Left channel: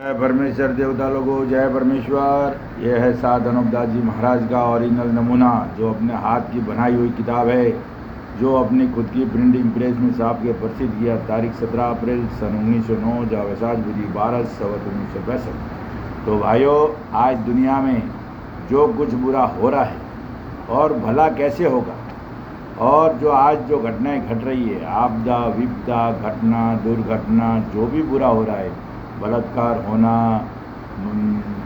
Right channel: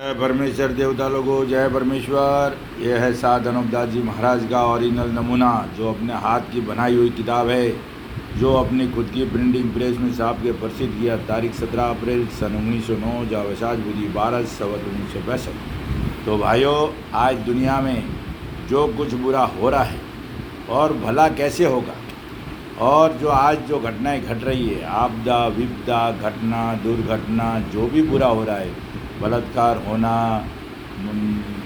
जय परमेश्वर देवता लोगों, जय परमेश्वर। ये है साध अनूपदास जी महाराज का ओरिजिनल नमूना, जो अपने हाथ की बनाई हुई किताब है, जो अपनी खुद की प्रिंटिंग प्रेस में छाप के प्रसिद्ध किया। तारीख 17 अप्रैल सन 1909, जावसाज बुद्धि 12 संवत 1965। तो भाइयों, आज दुनिया में जो कुछ बुरा हो रहा है और भला कैसे होगा, और जो आज जो घटनाएं घट रही है, आपदा विपदा घटना दुर्घटना, जो भी बुरा हो रहा है, बलात्कार होना,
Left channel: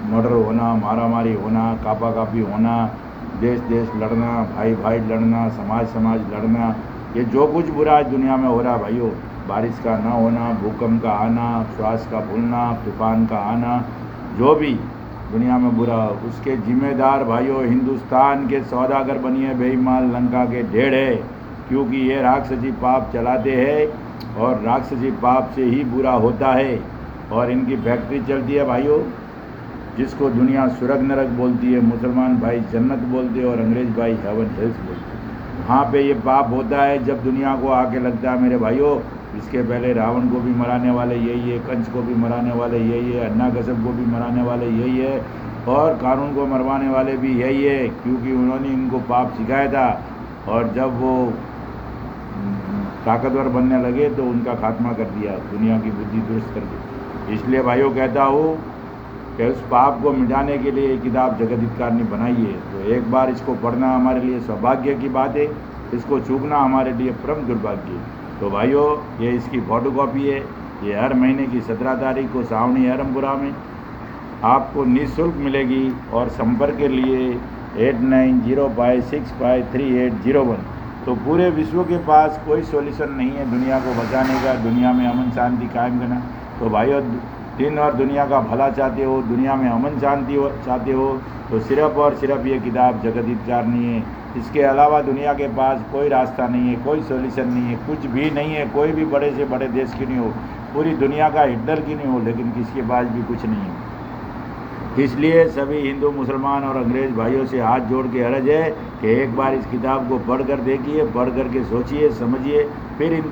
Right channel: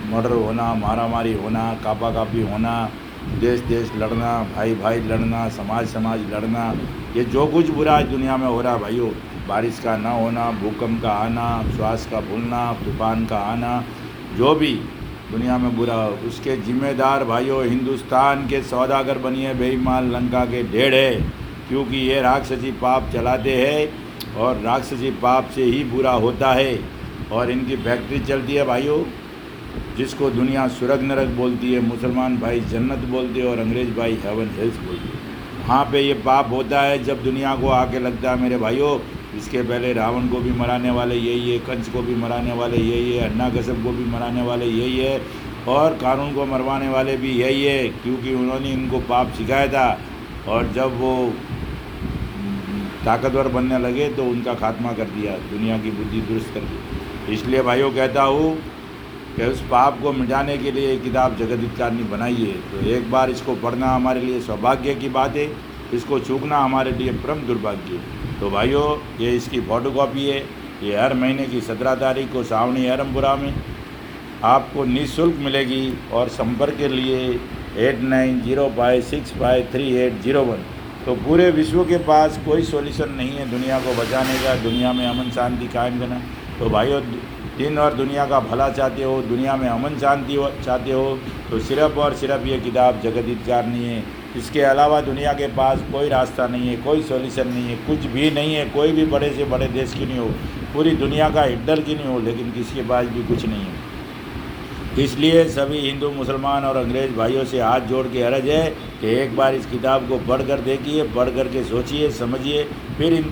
मर्डर होना, मारामारी होना, कापा कापी होना, देश देश लड़ना, भाई भाई लड़ना, समाज समाज लड़ना, ये जो कुछ बुरा आज दुनिया में हो रहा है भाइयों, बारिश का ना होना, भूकंप का आना, श्वास का फूलना, तूफान का आना, जो भी दुनिया में बुरा, उसके जिम्मेदार भाइयों हिंदुस्तान के सौदागर बनिए बेईमान लंका के ढेर है। क्योंकि ये राक्षसी पाप चलाते हैं और राक्षसी पाप से ही बुरा होता है। और इनकी फैक्ट्री चलती है भाइयों, जिसको दुनिया स्वर्ग नरक बोलती है, मुसलमान भाई जन्नत बोलते हैं और अंग्रेज़ भाई हेवन हेल्स बोलते हैं। वहाँ पे ये पाप होता है जब दुनिया को आके लगता है मेरे भाइयों, इसके पहले रावण को भी मराने वाले यही है, कंस को भी मराने वाले यही है, अन्ना कसब को भी मराने वाले यही है, और कानून को मरवाने वाले भी यही है, क्योंकि उन्होंने इनको पाप सिखाया था। और जब वो ताकतवर बनने लगे तो उनका खात्मा कर दिया, दुनिया की बुद्धि दुरुस्त कर दी। इसलिए भाइयों कहता हूँ कि उस पाप को मिटाने के लिए एक किताब जगदीतकार ने बनाई है। तो एक बार इसको पढ़ना हमारे लिए सौभाग्य की बात है, इसको चूकना हमारे लिए परम दुर्भाग्य है। तो भाइयों, ये इसकी फ़ोटो कॉपी है। ये हर महीने की 17 तारीख को सावनी हरमपुरा में आपको निःशुल्क मिलेगी। और संपर्क के लिए 8905653801। तो पूरे विश्व के पास कोई सॉल्यूशन नहीं है दुनिया को बचाने का, दुनिया में अमन शांति कायम करना। तो भाइयों, दिन और दुनिया का भला चाहते हो, दुनिया में अमन शांति चाहते हो, तो सिर्फ और सिर्फ ये किताब जगदीतकार नहीं है। इसके अलावा दुनिया के पास कोई रास्ता नहीं है, कोई सॉल्यूशन नहीं है, कुछ भी नहीं है। कोई भी बड़े से बड़े देश की नहीं हो, पूरी दुनिया का हिटलर की नहीं हो, लेकिन किसके पास भी कुछ नहीं है। इसलिए सभी हिंदू मुसलमान और अंग्रेज़ भाइयों से हाथ जोड़ के अर्ज है कि एक बार इस किताब को पढ़ कर देखिए, पढ़ कर के सोचिए, समझिए, फिर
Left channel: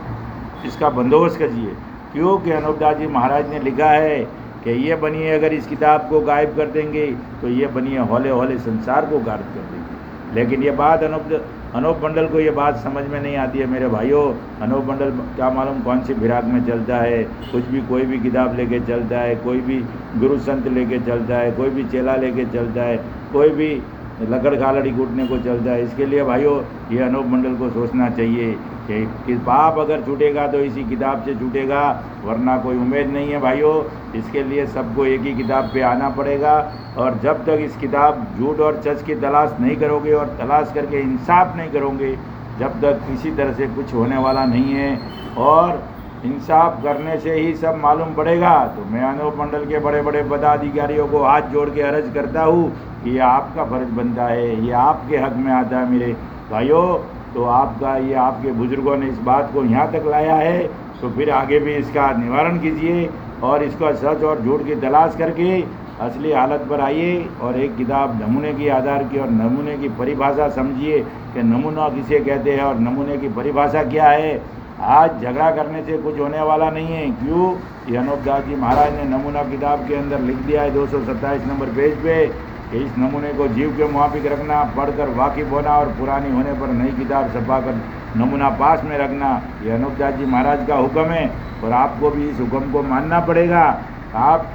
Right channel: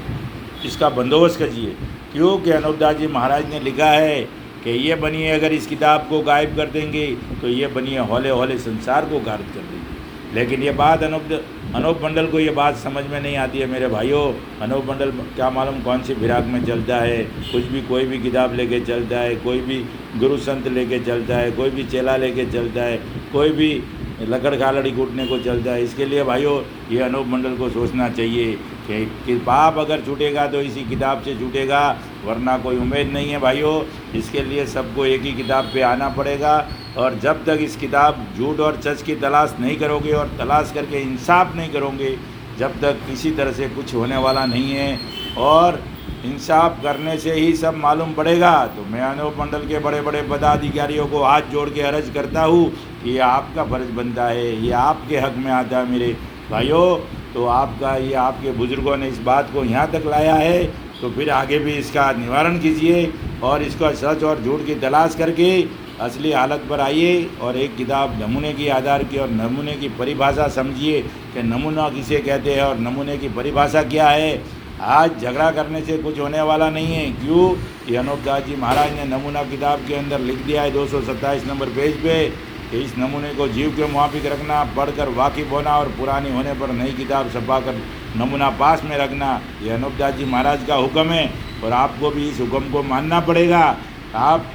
इसका बंदोबस्त कीजिए। क्योंकि अनूपदास जी महाराज ने लिखा है कि ये बनिए, अगर इस किताब को गायब कर देंगे तो ये बनिए हौले हौले संसार को गायब कर देंगे। लेकिन ये बात अनूप मंडल को ये बात समझ में नहीं आती है मेरे भाइयों। अनूप मंडल क्या मालूम कौन सी फिराक में चलता है, कुछ भी कोई भी किताब लेके चलता है, कोई भी गुरु संत लेके चलता है, कोई भी चेला लेके चलता है, कोई भी लकड़ खालड़ी कूटने को चलता है। इसके लिए भाइयों, ये अनूप मंडल को सोचना चाहिए कि पाप अगर छूटेगा तो इसी किताब से छूटेगा, वरना कोई उम्मीद नहीं है भाइयों। इसके लिए सबको एक ही किताब पे आना पड़ेगा। और जब तक इस किताब झूठ और सच की तलाश नहीं करोगे और तलाश करके इंसाफ नहीं करोगे, जब तक किसी तरह से कुछ होने वाला नहीं है। और इंसाफ करने से ही सब मालूम पड़ेगा। तो मैं अनूप मंडल के बड़े बड़े पदाधिकारियों को हाथ जोड़ के अर्ज करता हूँ कि ये आपका फर्ज बनता है, ये आपके हक में आता है मेरे भाइयों। तो आपका ये आपके बुजुर्गों ने इस बात को यहाँ तक लाया है, तो फिर आगे भी इसका निवारण कीजिए और इसका सच और झूठ की तलाश करके असली हालत पर आइए। और एक किताब नमूने की आधार की और नमूने की परिभाषा समझिए कि नमूना किसे कहते हैं और नमूने की परिभाषा क्या है। आज झगड़ा करने से कुछ होने वाला नहीं है। क्यों? ये अनूपदास जी महाराज ने नमूना किताब के अंदर लिख दिया है 227 नंबर पेज पे कि इस नमूने को जीव के मुआफिक रखना, पढ़कर वाकिफ होना और पुरानी होने पर नई किताब छपा कर नमूना पास में रखना। ये अनूपदास जी महाराज का हुक्म है और आपको भी इस हुक्म को मानना पड़ेगा। आप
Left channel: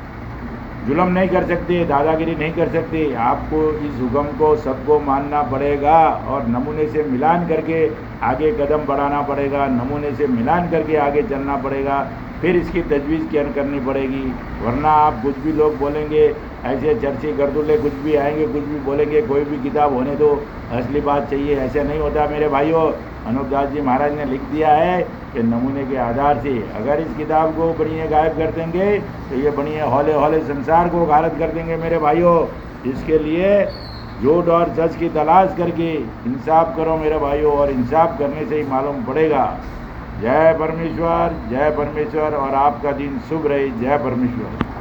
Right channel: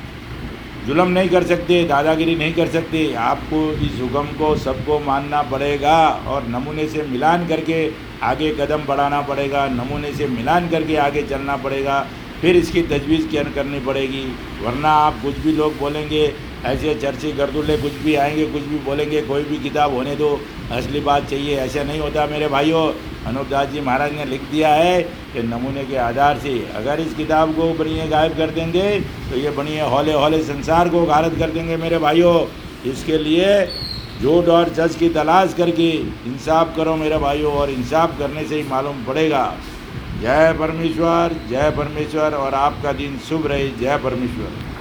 जुल्म नहीं कर सकते, दादागिरी नहीं कर सकते, आपको इस हुक्म को सबको मानना पड़ेगा और नमूने से मिलान करके आगे कदम बढ़ाना पड़ेगा, नमूने से मिलान करके आगे चलना पड़ेगा, फिर इसकी तजवीज़ क्या करनी पड़ेगी। वरना आप कुछ भी लोग बोलेंगे, ऐसे चर्चे गर्दुल्ले कुछ भी आएंगे, कुछ भी बोलेंगे, कोई भी किताब होने दो, असली बात चाहिए, ऐसा नहीं होता मेरे भाइयों। अनूपदास जी महाराज ने लिख दिया है कि नमूने के आधार से अगर इस किताब को बनिए गायब कर देंगे तो ये बनिए हौले हौले संसार को गारद कर देंगे मेरे भाइयों। इसके लिए झूठ और सच की तलाश करके इंसाफ करो मेरे भाइयों, और इंसाफ करने से ही मालूम पड़ेगा। जय परमेश्वर, जय परमेश्वर, और आपका दिन शुभ रहे। जय परमेश्वर।